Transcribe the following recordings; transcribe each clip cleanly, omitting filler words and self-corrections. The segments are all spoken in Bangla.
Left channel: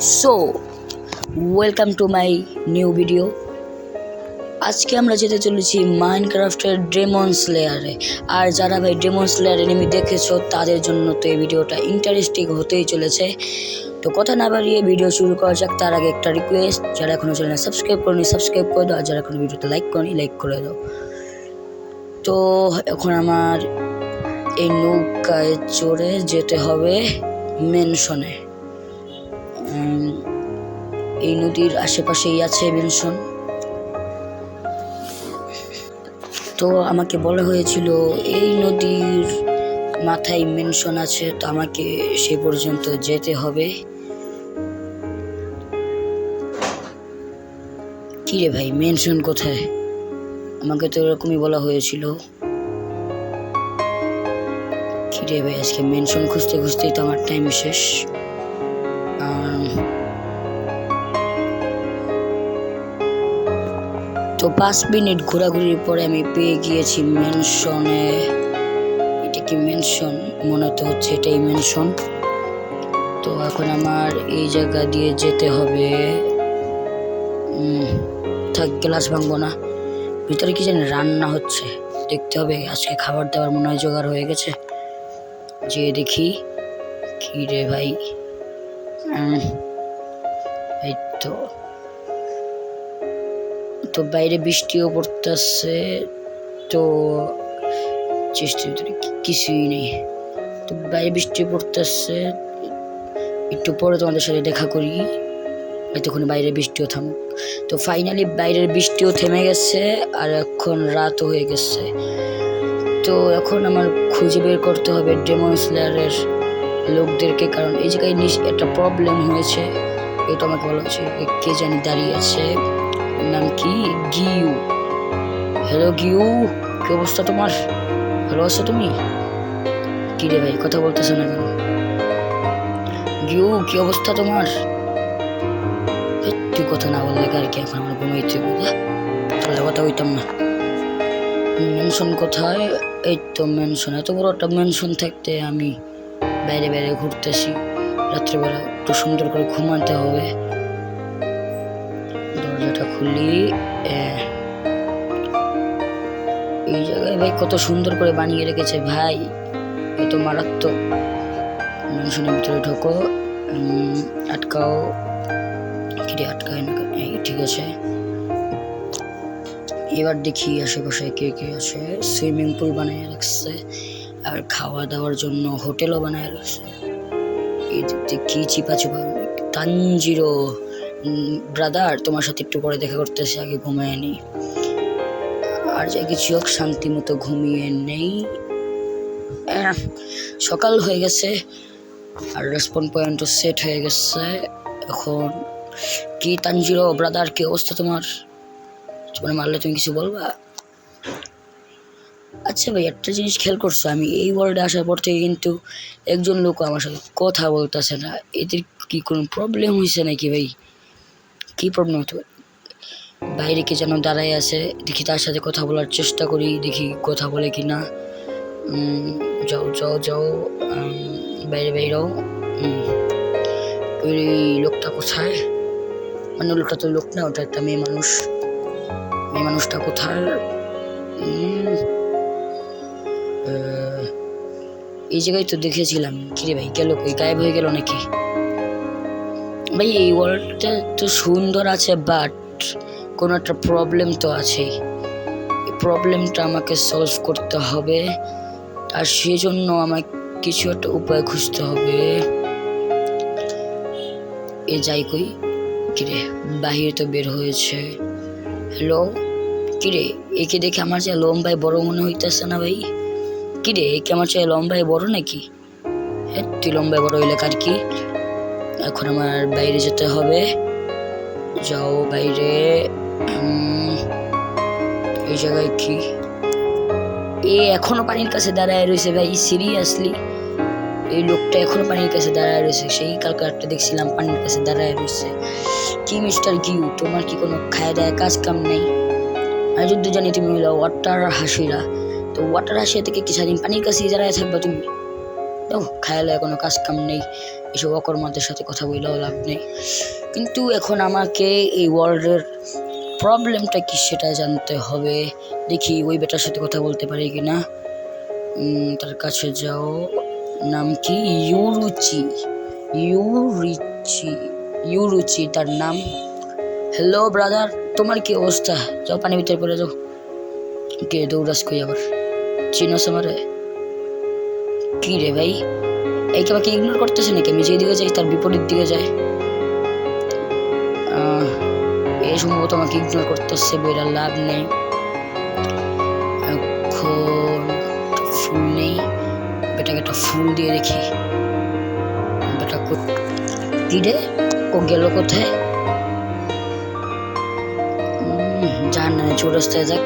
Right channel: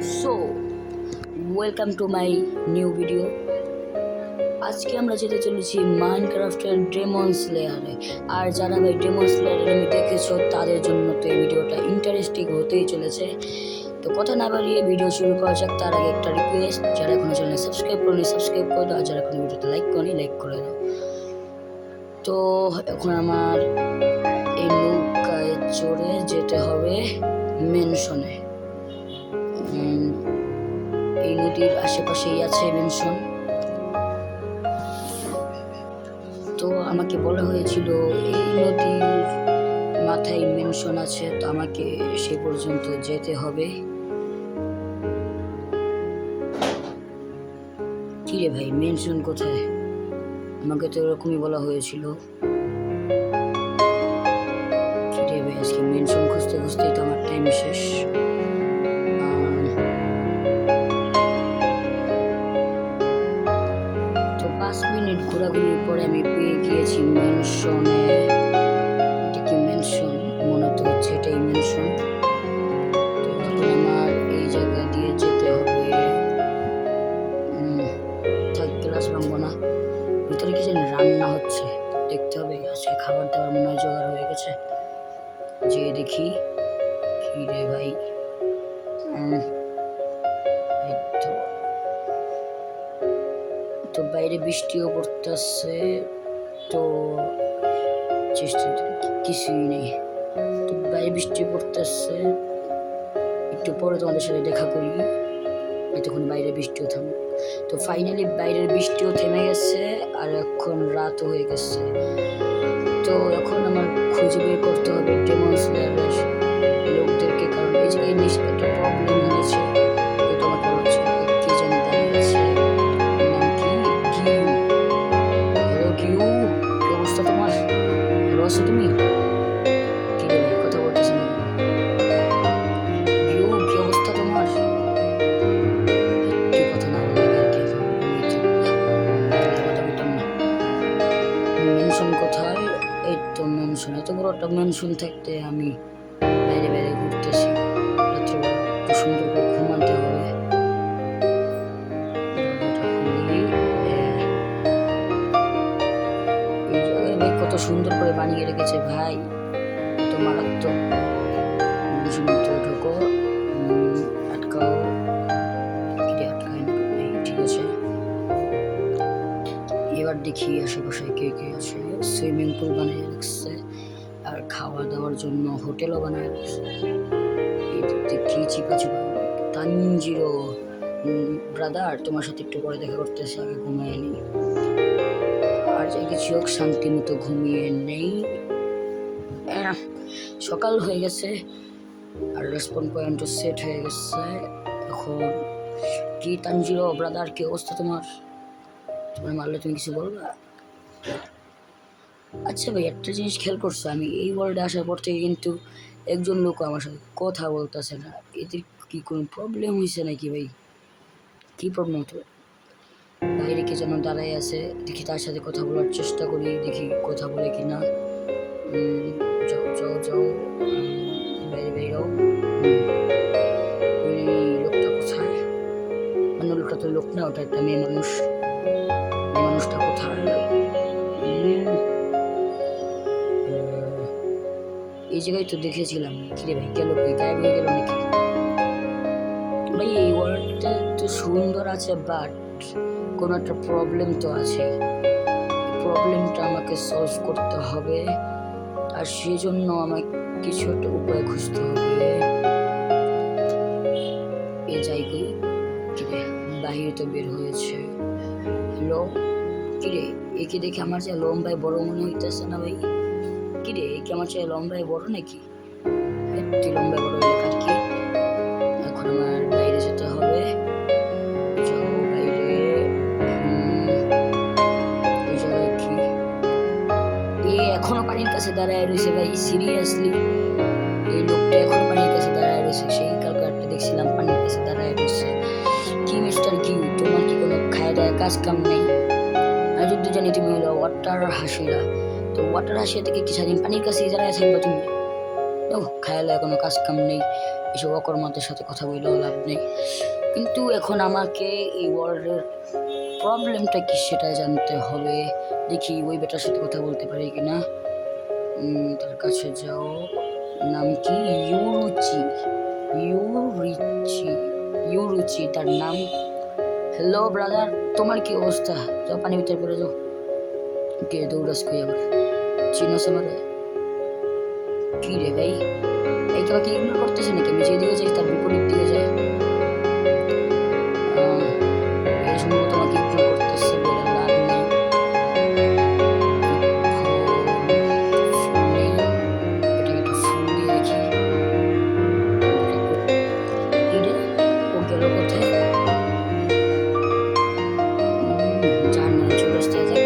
So welcome to my new video. আজকে আমরা যেতে চলেছি মাইনক্রাফটের ডেমন স্লেয়ারে। আর যারা ভাই ডেমন স্লেয়ার এনিমি দেখেছো তাদের জন্য তো এই ভিডিওটা ইন্টারেস্টিং হতেই চলেছে। তো কথা না বাড়িয়ে ভিডিও শুরু করা যাক। তার আগে একটা রিকোয়েস্ট, যারা এখনো চ্যানেল সাবস্ক্রাইব করেনি সাবস্ক্রাইব করে দাও, আর যারা এখনো ভিডিওতে লাইক করেনি লাইক করে দাও। তো এখন আমার এই নৌকায় চড়ে যেতে হবে মেনশনে। এই নদীর আশেপাশেই আছে মেনশন। তো আমাকে বলা হয়েছিল এই নদীর মাথায় মেনশন আছে, তো আমাকে সে পর্যন্ত যেতে হবে। কি রে ভাই, মেনশন কোথায়? আমাকে তো এরকমই বলা হয়েছিল। কি রে ভাই, আজকে মেনশন খুঁজতে খুঁজতেই তো আমার টাইম শেষ। তো 5 মিনিট ঘোরাঘুরির পরে আমি পেয়ে গিয়েছি মেনশনে। এটা কি মেনশন? মনে তো হচ্ছে এটাই মেনশন। তো এখন আমার এই জায়গা দিয়ে যেতে হবে। থাক, গ্লাস ভাঙবো না। ভিতরে কি জানি রান্না হচ্ছে, দেখতে হবে। আজকে খাবার দাবার মনে হয় জোগাড় হয়ে গেছে। যে দেখি। কি রে ভাই, এই তো বাইরে বৃষ্টিও পড়তেছে। তো চেষ্টার ভিতরে কিছুই নেই। তো বাইরে বৃষ্টি পড়তেছে, একটু পরে তোমাদের সাথে দেখা করি। এতক্ষণ বাইরে বৃষ্টিও থামুক। তো ফাইনালি বাইরের বৃষ্টিও থেমে গেছে, আর এখন রাতও হয়ে গেছে। তো এখন আমার খুঁজে বের করতে হবে ডেমন স্লেয়ারের লোকদেরকে, কারণ এই জায়গায় একটা প্রবলেম হয়েছে। এই তো আমাকে বলা হচ্ছে কে জানি দাঁড়িয়ে আছে, নাম কি? গিউ। হ্যালো গিউ, কি অবস্থা তোমার? ভালো আছো তুমি? কি রে ভাই, কথা বলতেছো না কেন? গিউ, কি অবস্থা তোমার? তুই কথা না বললে আর কি, এখন আমার ঘুমাইতে তাহলে কথা হইতাম না। মেনশন কোথায়? এই তো মেনশন। এত বড় একটা মেনশন থাকতে আমি বাইরে বাইরে ঘুরতেছি। রাত্রেবেলা একটু সুন্দর করে ঘুমাতে হবে। দরজাটা খুলি। এই জায়গায় ভাই কত সুন্দর করে বানিয়ে রেখেছে ভাই, এত মারাত্মক। মেনশনের ভিতরে ঢোকো। আটকাও। কিরে আটকায় না? ঠিক আছে। এবার দেখি আশেপাশে কে কে আছে। সুইমিং পুল বানিয়ে রাখছে, আর খাওয়া দাওয়ার জন্য হোটেলও বানায় রাখছে। এই দেখতে কি চিপা চুপা। তানজিরো ব্রাদার, তোমার সাথে একটু পরে দেখা করতেছে, আগে ঘুমিয়ে নি। আর যাই কিছু হোক, শান্তি মতো ঘুমিয়ে নেই। সকাল হয়ে গেছে, আর রেসপন পয়েন্টও সেট হয়ে গেছে। এখন কি তানজিরো ব্রাদার, কি অবস্থা তোমার? তোমার মারলে তুমি কিছু বলবা? আচ্ছা ভাই, একটা জিনিস খেয়াল করছো, আমি এই ওয়ার্ল্ডে আসার পর থেকে কিন্তু একজন লোক আমার সাথে কথা বলতেছে না। এদের কি কোনো প্রবলেম হয়েছে নাকি ভাই? কি প্রবলেম হতে পারে? বাইরে কে যেন দাঁড়ায় আছে, দেখি তার সাথে কথা বলার চেষ্টা করি, দেখি কথা বলে কি না। যাও যাও যাও, বাইরে বাইরেও। ওই লোকটা কোথায়? মানে লোকটা তো লোক না, ওটা একটা মেয়ে মানুষ। মেয়ে মানুষটা কোথায়? এই জায়গায় তো দেখেছিলাম। কিরে ভাই, গেল কই? গায়েব হয়ে গেল নাকি? ভাই এই ওয়ার্ল্ডটা তো সুন্দর আছে, বাট কোনো একটা প্রবলেম তো আছে। এই প্রবলেমটা আমাকে সলভ করতে হবে, আর সেজন্য আমাকে কিছু একটা উপায় খুঁজতে হবে। এ যাই কই। কিরে, বাহিরে তো বের হয়েছে। হ্যালো, কিরে একে দেখে আমার চেয়ে লম্বায় বড় মনে হইতেছে না ভাই? কিরে একে আমার চেয়ে লম্বায় বড় নাকি? হ্যাঁ, তুই লম্বায় বড় হইলে কার কি? এখন আমার বাইরে যেতে হবে। যাও বাইরে। এই জায়গায় কি? এখনো পানির কাছে দাঁড়ায় রয়েছে ভাই, সিরিয়াসলি? এই লোকটা এখনো পানির কাছে দাঁড়ায় রয়েছে? সেই কালকে একটা দেখছিলাম পানির কাছে দাঁড়ায় রয়েছে। কি মিস্টার গিউ, তোমার কি কোনো খায় দায় কাজ কাম নেই? আমি যদি জানি তুমি হলো ওয়াটার হাসিরা, তো ওয়াটার হাসিরা থেকে কি সারাদিন পানির কাছে দাঁড়ায় থাকবা তুমি? দাও, খায়ালে কোনো কাজ কাম নেই। এসব অকর্মাদের সাথে কথা বললেও লাভ নেই। কিন্তু এখন আমাকে এই ওয়ার্ল্ডের প্রবলেমটা কি সেটা জানতে হবে। দেখি ওই বেটার সাথে কথা বলতে পারি কি না। তার কাছে যাও। নাম কি? ইউরুচি তার নাম। হ্যালো ব্রাদার, তোমার কি অবস্থা? যাও পানির ভিতরে পড়ে যাও। কে দৌড়াস কই আবার? চিনোস আমারে? কি রে ভাই, এইকে আমাকে ইগনোর করতেছে নাকি? আমি যেদিকে যাই তার বিপরীত দিকে যায়। এই সম্ভবত আমাকে ইগনোর করতেছে, বইরা লাভ নেই। এখন ফুল নেই, বেটাকে একটা ফুল দিয়ে রেখি। বেটা কি রে, ও গেল কোথায়? জান না, চৌরাস্তায় যাক।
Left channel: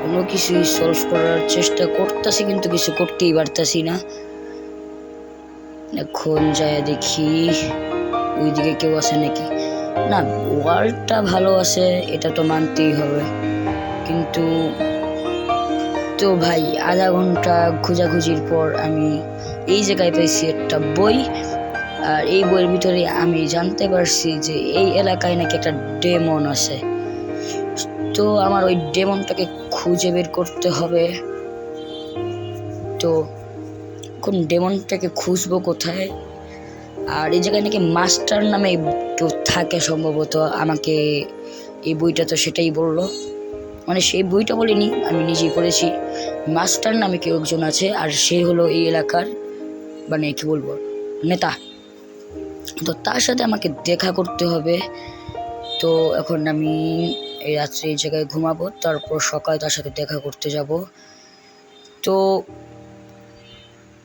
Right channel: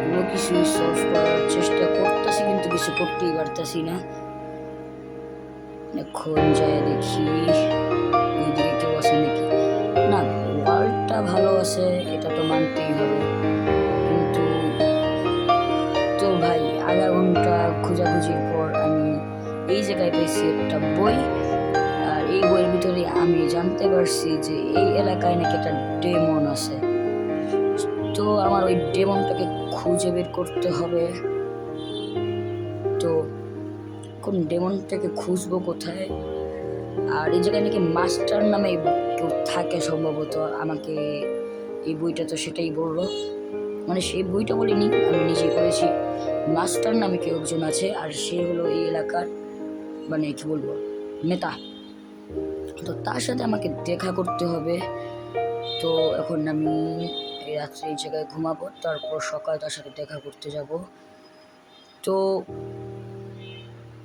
কোনো কিছুই সলভ করার চেষ্টা করতেছি কিন্তু কিছু করতেই পারতাছি না। এখন যায় দেখি ওইদিকে কেউ আছে নাকি। না, ওয়ার্ল্ডটা ভালো আছে এটা তো মানতেই হবে, কিন্তু তো ভাই আধা ঘন্টা খোঁজাখুঁজির পর আমি এই জায়গায় পাইছি একটা বই। আর এই বইয়ের ভিতরে আমি জানতে পারছি যে এই এলাকায় নাকি একটা ডেমন আছে। তো আমার ওই ডেমনটাকে খুঁজে বের করতে হবে। তো কোন ডেমনটাকে খুঁজবো কোথায়? আর এই জায়গায় নাকি মাস্টার নামে কেউ থাকে সম্ভবত। আমাকে এই বইটা তো সেটাই বললো, মানে সেই বইটা বলিনি, আমি নিজেই পড়েছি। মাস্টার নামে কেউ একজন আছে, আর সে হলো এই এলাকার মানে কি বলবো নেতা। তো তার সাথে আমাকে দেখা করতে হবে। তো এখন আমি এই রাত্রে এই জায়গায় ঘুমাবো, তারপর সকালে তার সাথে দেখা করতে যাব। তো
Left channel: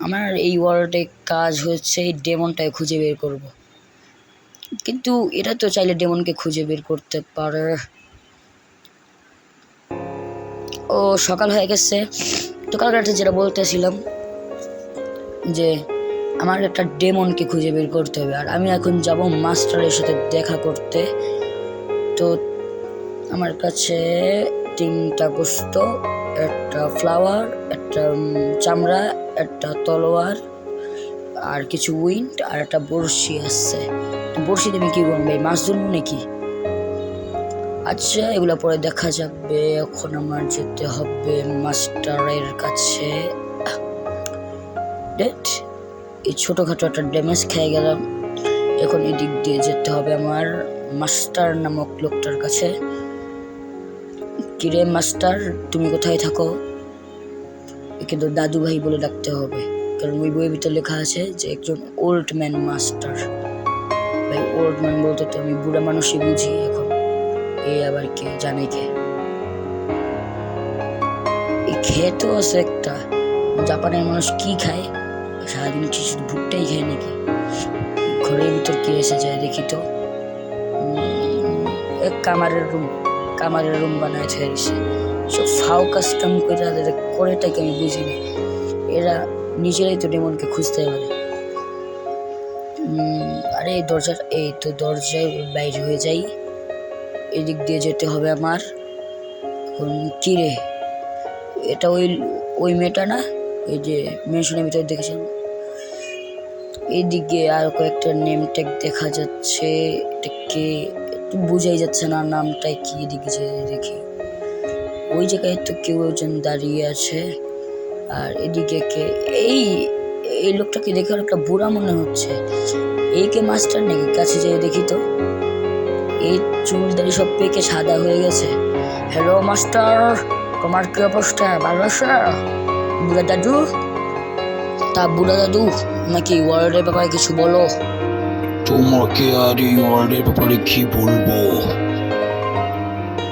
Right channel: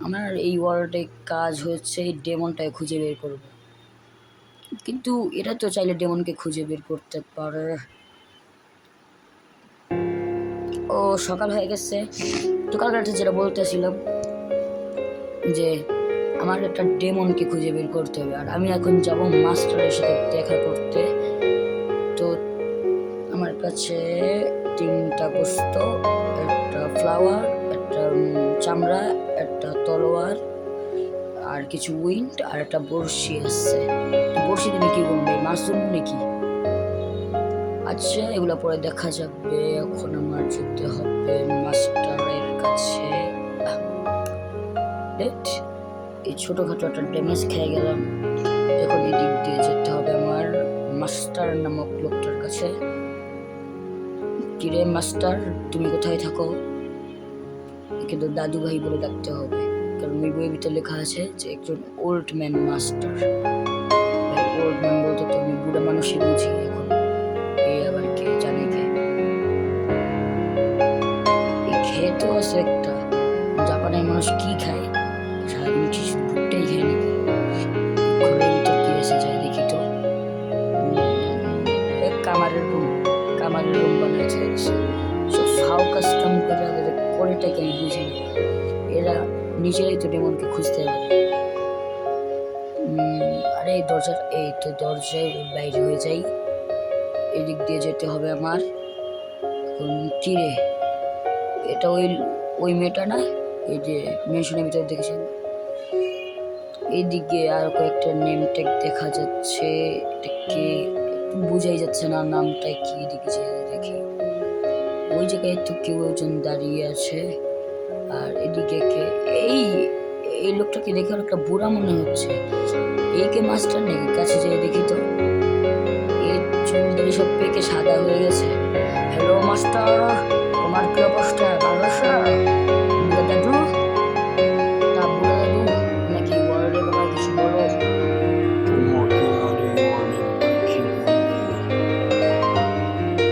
আমার এই ওয়ার্ল্ডে কাজ হচ্ছে এই ডেমনটাকে খুঁজে বের করব। কিন্তু এরা তো চাইলে ডেমনকে খুঁজে বের করতে পারে। ও সকাল হয়ে গেছে। তো কাল রাতে যেটা বলতেছিলাম যে আমার একটা ডেমনকে খুঁজে বের করতে হবে, আর আমি এখন যাব মাস্টারের সাথে দেখা করতে। তো আমার কাছে 3টা বস্তু, একটা ফ্লাওয়ার, একটা চামড়া, একটা তলোয়ার, আর কিছু উইন্ড, আর একটা বড়শি আছে। তো বড়শি তুমি কি করবে? মাছ ধরবো নাকি? আচ্ছা, এগুলা পরে দেখা যাবে। এখন আমার যেতে হবে মাস্টারের কাছে। এই ছোটখাটো একটা ড্যামেজ খেয়ে গেলাম। এখন এদিক দিয়ে যেতে হবে আমার মাস্টার নামক লোকটার কাছে। কিরে মাস্টার, তুমি কোথায় থাকো? কিন্তু দাদু ভাই বলে ডাকতে হবে, কারণ ওই বইয়ের ভিতরে লেখা আছে যে একজন ওল্ড ম্যান মাস্টার। ভাই ওল্ড ম্যান বলতে তো আমি বুড়া মানুষই বুঝি। এখন এই আবার কে জানে কে? এই খেতেও আছে একটা। জাপানের মানুষ কি খায়? সারাদিন কি শুধু ভুট্টাই খায় নাকি? ঘরের ভিতর কি আছে যায় দেখি তো। এক কামারের রুম বানায় ছেড়েছে। সব ফাও কাস্টম করেটাকে আমি বুঝি না। এরা নিজেরাই তো ডেমনকে খুঁজতে পারে। আরে এই তো দরজায় বাইরে হয়ে যাই। এদিক দিয়ে যেতে হবে আমার। এখন কি রে, এটা ওই মেয়েটা না, এই যে মেনশনের ভিতরে দেখেছেন? এইদিকে আর কয়েকটা নেম ট্যাগ দেখা যাচ্ছে, এটাকে একটু বোঝাই যাচ্ছে না নামটা কি। এদিকে যে দেখি ওই জায়গায় তো কেউ একজন দাঁড়িয়ে আছে। আর এদিকে কে? এই লোকটাকে দেখে একটা বুড়া মনে হচ্ছে। এই কে মাস্টার নাকি? কাছে যেয়ে দেখি তো। এই চুল দাড়ি সব পেকে সাদা হয়ে গেছে। হ্যালো মাস্টার, তোমার কি অবস্থা? ভালো আছো বুড়া দাদু? তা বুড়া দাদু নাকি ওয়ার্ল্ডের ব্যাপারে কিছু বলো। তোমাকে আর এই ওয়ার্ল্ডের ব্যাপারে কি বলবো?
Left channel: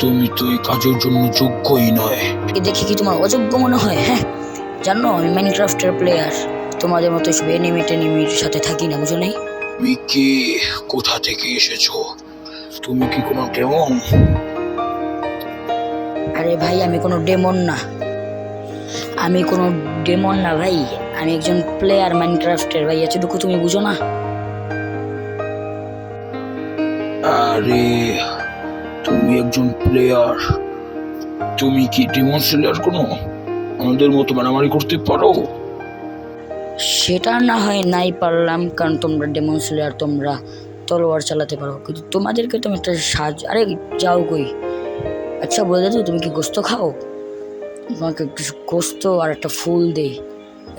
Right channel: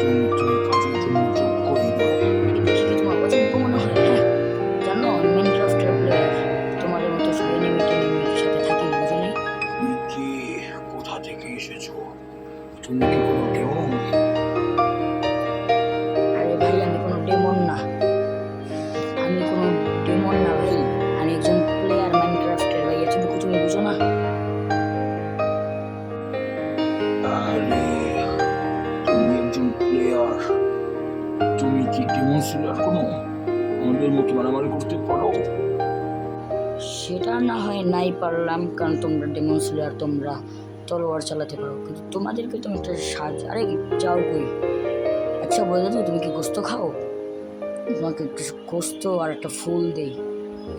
তুমি তো এই কাজের জন্য যোগ্যই নয়। দেখি কি তোমার অযোগ্য মনে হয়? হ্যাঁ, জানো আমি মাইনক্রাফটের প্লেয়ার। তোমাদের মতো সব এনিমির সাথে থাকি না, বুঝো নাই? তুমি কে? কোথা থেকে এসেছো? তুমি কি কোনো ডেমন? আরে ভাই, আমি কোনো ডেমন না ভাই। আমি একজন প্লেয়ার মাইনক্রাফটের ভাই, এতটুকু তুমি বুঝো না? আরে তুমি একজন প্লেয়ার, তুমি কি ডেমন স্লেয়ার কোনো আমাদের মতো মারামারি করতে পারো? সেটা না হয় নাই পারলাম, কারণ তোমরা ডেমন স্লেয়ার, তোমরা তলোয়ার চালাতে পারো, কিন্তু তোমাদেরকে তো আমি একটা আরে যাও কই। আচ্ছা বলে দাও, তুমি কি গোস্ত খাও? তোমাকে কিছু গোস্ত আর একটা ফুল দেই,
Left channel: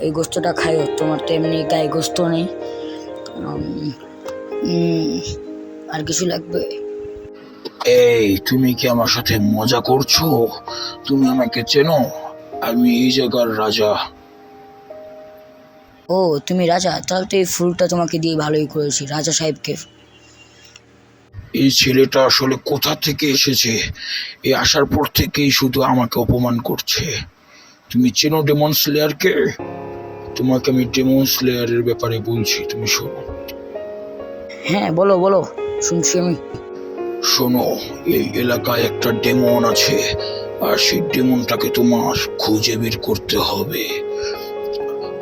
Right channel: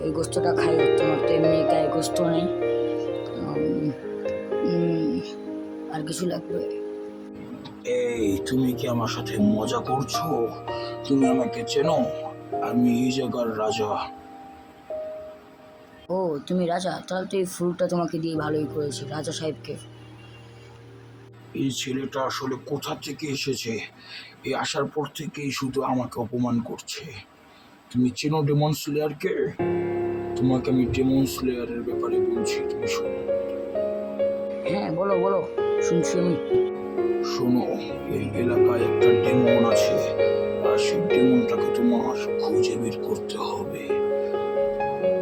এই গোস্তটা খাইও, তোমার তো এমনি গায়ে গোস্ত নেই। উম, উম, আর কিছু লাগবে? এই, তুমি কি আমার সাথে মজা করছো? তুমি আমাকে চেনো? আমি এই জায়গার রাজা। ও তুমি রাজা, তাহলে তো এই ফুলটা তোমাকে দিয়ে ভালোই করেছি, রাজা সাহেবকে। এই ছেলেটা আসলে কোথা থেকে এসেছে? এই আসার পর থেকেই শুধু আমাকে অপমান করছে। তুমি চেনো ডেমন স্লেয়ারকে? তোমাকে আমি ডেমন স্লেয়ারের ব্যাপারে বলছি, তুমি শোনো। হ্যাঁ বলো বলো, শুনছি আমি। শোনো, এই এলাকায় একটা ডেমন আছে, আর সেই ডেমনটাকে তোমার খুঁজে বের করতে হবে।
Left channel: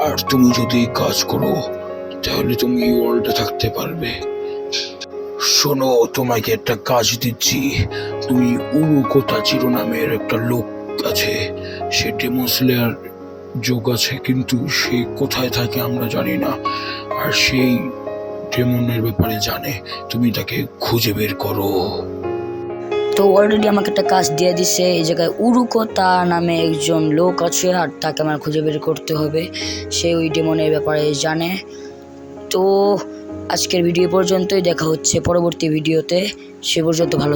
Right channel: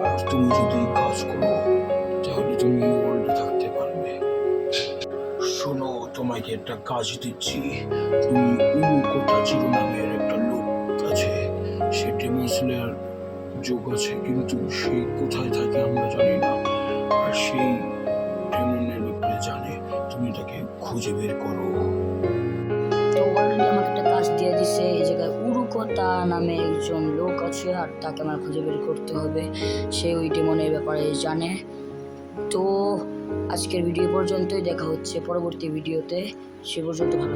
আর তুমি যদি এই কাজ করো, তাহলে তুমি এই ওয়ার্ল্ডে থাকতে পারবে। শোনো, তোমাকে একটা কাজ দিচ্ছি। তুমি উরুকোতাচিরো নামের একটা লোক আছে, সে ডেমন স্লেয়ার যোগ আছে, কিন্তু সে কোথায় থাকে আমরা জানি না, আর সেই ডেমনের ব্যাপারে জানে। তুমি তাকে খুঁজে বের করো। তো অলরেডি আমাকে একটা কাজ দিয়ে দিছে, এই জায়গায় উরুকোতা নামে একজন লোক আছে, আর তাকে আমার খুঁজে বের করতে হবে, সে ওই ডেমনের ব্যাপারে জানে। তো আজকের ভিডিও পর্যন্তই, দেখা হচ্ছে পরবর্তী ভিডিওতে, সে পর্যন্ত ভালো।